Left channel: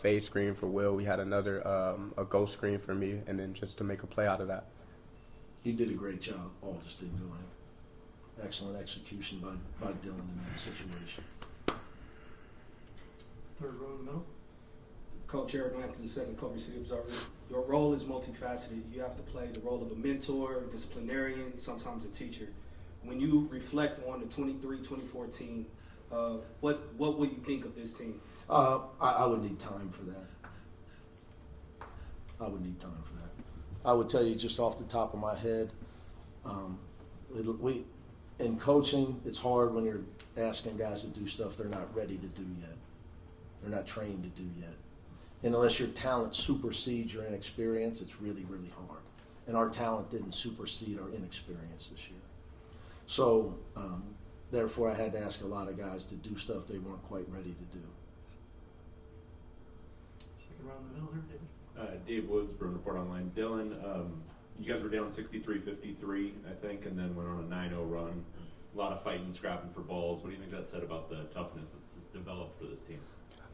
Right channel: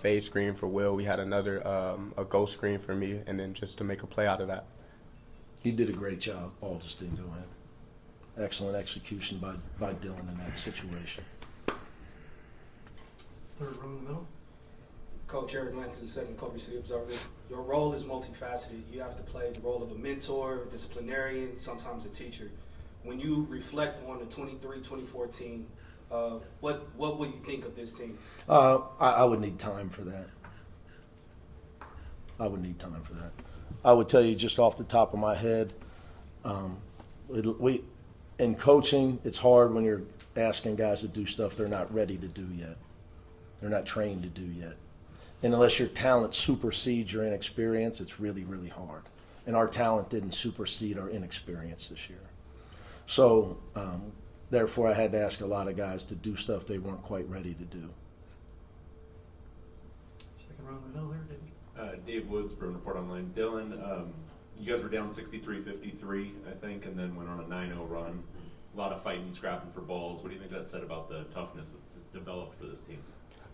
fade screen for Will. We had another a ghost screen for me, and then just to make a play out of that. He did a great job. Ball just didn't go in. Excellent execution by Dylan in that situation. Third row in the middle. Coach Eric Lansing, second Kobe City Observer. Your role is multifaceted. You have to play the role of a mentor, disciplinarian, sometimes a teacher. When you reflect on the 23-24 team, what will you think of this team? I would need time for that. I would tell you just off the top of my head, in coaching, it's hard when you're asking guys to do stuff they're not ready to do yet. They're not trained to do yet. And unless your talent supersedes your inexperience, it's really, really hard. And our talent didn't supersede our inexperience this year. So, therefore, I had to ask a lot of guys to do stuff they weren't quite ready to do. Second row in the middle here, Dave. Dave Woods, Bruin Report Online. Dylan, you guys were down 63-53, I think, and then went on a 9-0 run. A lot of fighting, scrapping for balls. What do you think that said about the toughness that's developed for this team?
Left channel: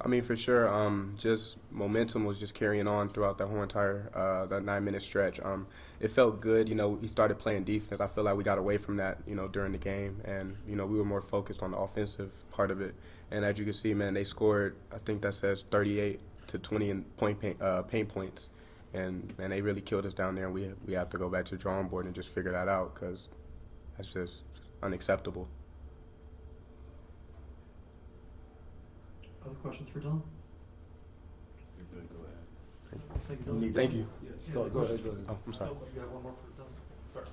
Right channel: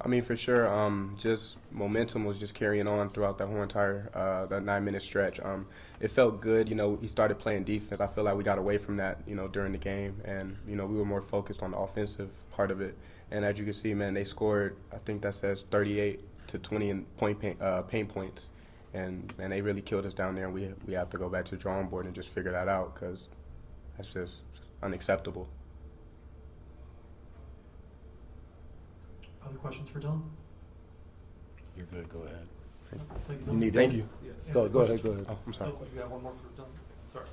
I mean, for sure, just momentum was just carrying on throughout that whole entire that 9-minute stretch. It felt good. We started playing defense. I feel like we got away from that, during the game, and we were more focused on the offensive part of it. And as you can see, man, they scored. I think that says 38 to 20 in paint points, and they really killed us down there. And we have to go back to the drawing board and just figure that out, because that's just unacceptable. Other questions for Dylan? You're good. Go ahead. Thank you, Dylan. Thank you. Yeah. Go ahead. Oh, I'm sorry. Oh, you got one more for Dylan? Sorry.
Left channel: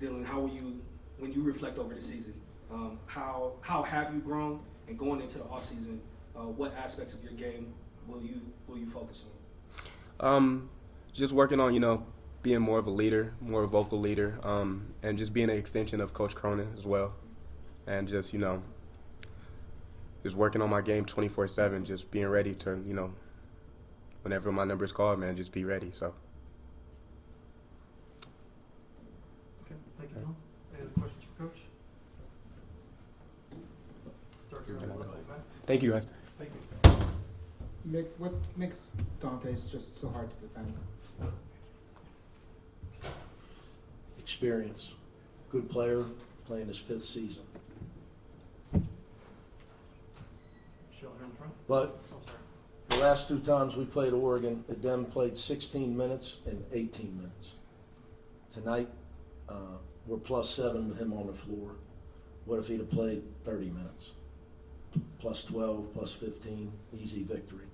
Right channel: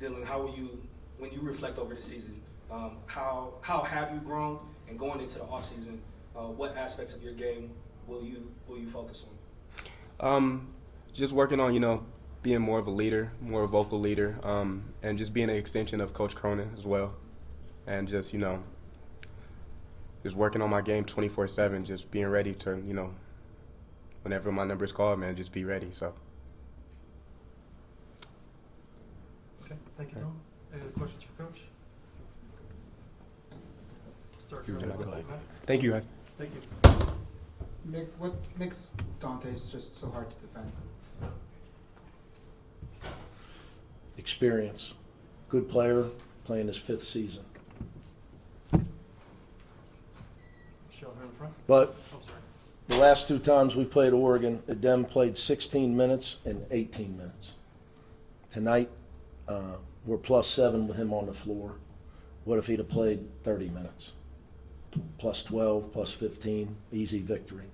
Dylan, when you reflect over the season, how have you grown? And going into the offseason, what aspects of your game will you focus on? Just working on, being more of a leader, more a vocal leader, and just being an extension of Coach Cronin as well. And just, just working on my game 24/7, just being ready to, whenever my number is called, man, just be ready. So. Okay, thank you, Dylan. Any other questions for Coach? Start here. Thank you, guys. Thank you. Mick, what makes Dante just so hard to defend? Experience. Good player, playing his 5th season. Michelle here in the front. But Oh, sorry. the last 2 times we played Oregon, Adem played 16 minutes and 18 minutes. Tonight, we're +7 with him on the floor. What if he'd have played 30 minutes? +12, +15, easy victory.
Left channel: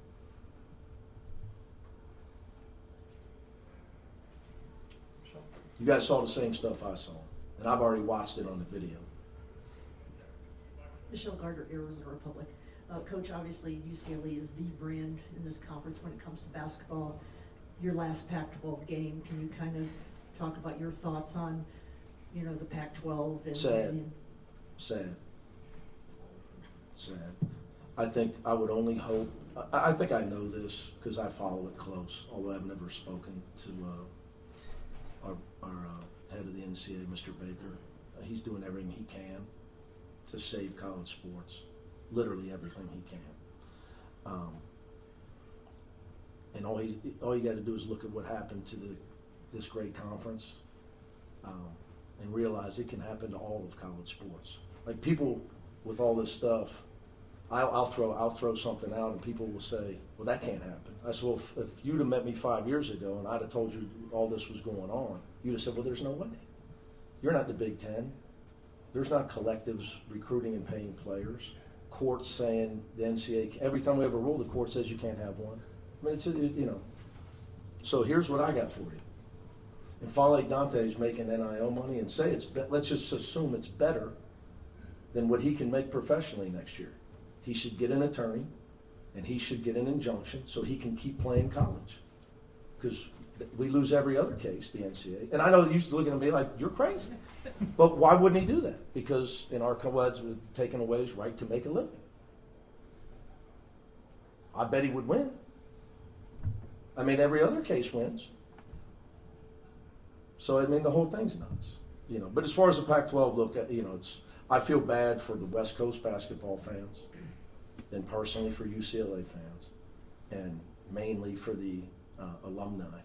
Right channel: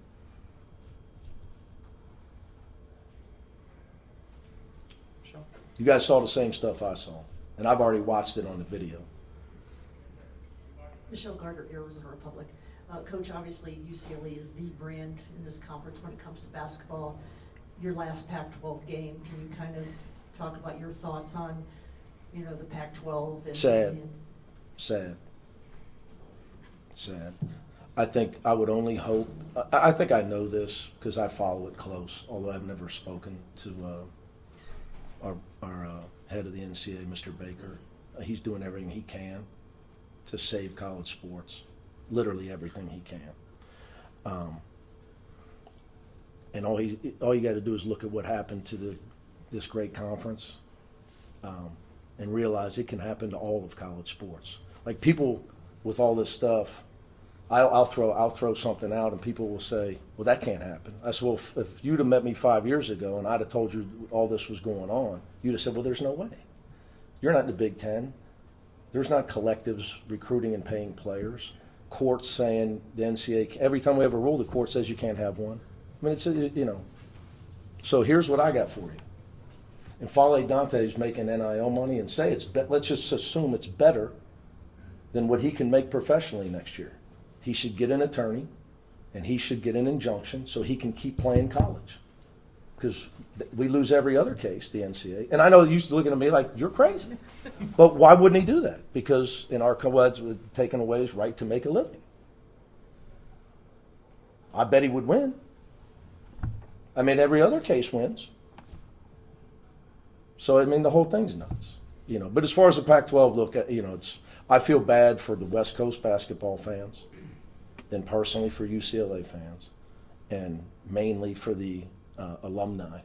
Michelle. You guys saw the same stuff I saw, and I've already watched it on the video. Michelle Gardner, Arizona Republic. Coach, obviously UCLA is the brand in this conference when it comes to basketball. Your last Pac-12 game, can you kind of talk about your thoughts on, the Pac-12? And, Sad. I think I would only hope. I think I know this because I follow it close, although I've never spoken to our head of the NCAA, Mr. Baker. He's doing everything he can to save college sports, literally everything he can. And all you got to do is look at what happened to this great conference, and realize it can happen to all of college sports. Like, people with all this stuff, I'll throw something out, and people will say, "Well, that can't happen." I said, "Well, if you'd have met me 5 years ago and I'd have told you all this was going on, you'd have said, well, there's no way. You're not in the Big Ten. There's not collectives recruiting and paying players. Courts saying the NCAA, every time we have a rule, the court says you can't have one. I mean, it's, So here's what I got for you. And Fale Dante's making NIL money, and let's just assume it's better than what he can make professionally next year. He should get an attorney, and he should get an injunction so he can keep playing college. Because we lose every other case, the NCAA. And I know you're looking at me like, you're crazy. But why wouldn't he do that? Because in our co-eds, we're taking away his right to make a living. I bet he would win. I mean, every other case wins. So, I mean, the whole thing's nuts. But as far as the Pac-12 look at, I feel bad for the West Coast basketball fans then personally for UCLA fans, and mainly for the alumni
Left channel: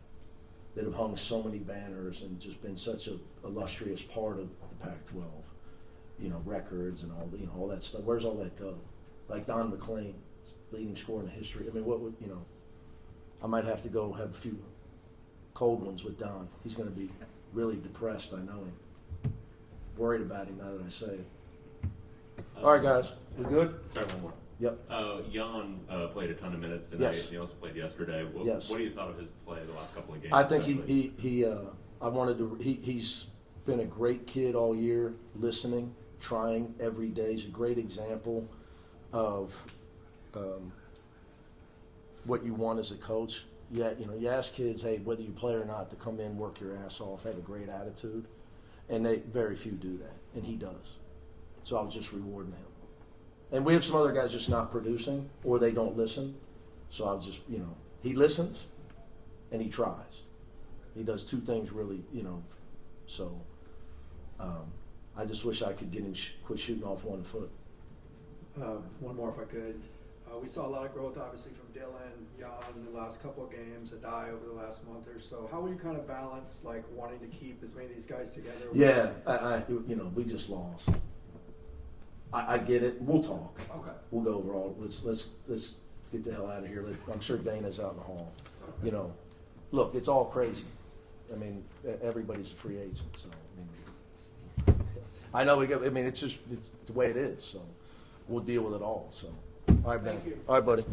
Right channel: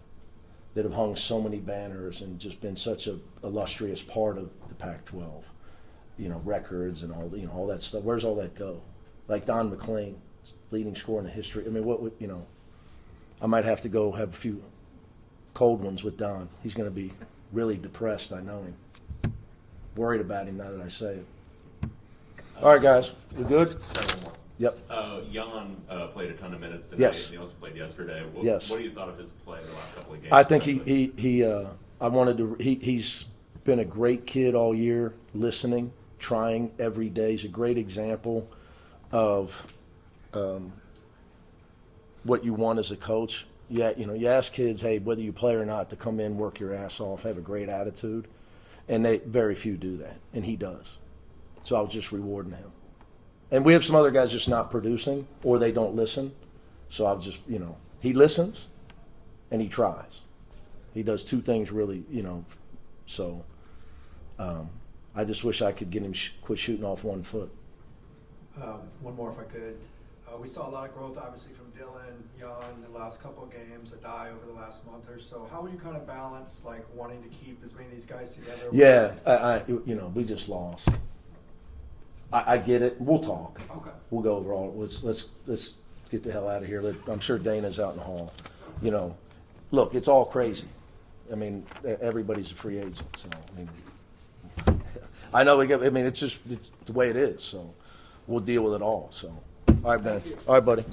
that have hung so many banners and just been such a illustrious part of the Pac-12. You know, records and all, you know, all that stuff. Where's all that go? Like Don McLean, leading scorer in the history. I mean, what would, you know, I might have to go have a few cold ones with Don. He's going to be really depressed, I know him. Worried about him now that I say it. All right, guys. We good? Yep. Young played a ton of minutes tonight. Yes. And he also played yesterday. Yes. What do you thought of his play the last couple of games? I think he's been a great kid all year, listening, trying every day. He's a great example of what you want as a coach. Yeah, you know, you ask kids, hey, whether you play or not, to come in, work your ass off, have a great attitude, and very few do that, and he does. So I was just rewarding him. And we have some other guys just not producing, or they don't listen. So I was just, you know, he listens and he tries. He does two things really, you know. So I just wish I could get him quit shooting off one foot. One more if I could. We saw a lot of growth, obviously, from Dylan, Jan, the last couple of games, Adai over the last month or so. How would you kind of balance, like, wanting to keep as many of these guys together? Yeah, you know, we just lost. I get it. We'll talk. Okay. We'll go over all. Let's get the hell out of here. I'm sure Dana's out in the hall. You know, look, it's all crazy. I mean, everybody's a free agent. So I mean, I know it's just the way it is. So we'll deal with it all. So, all right, man. All right, buddy.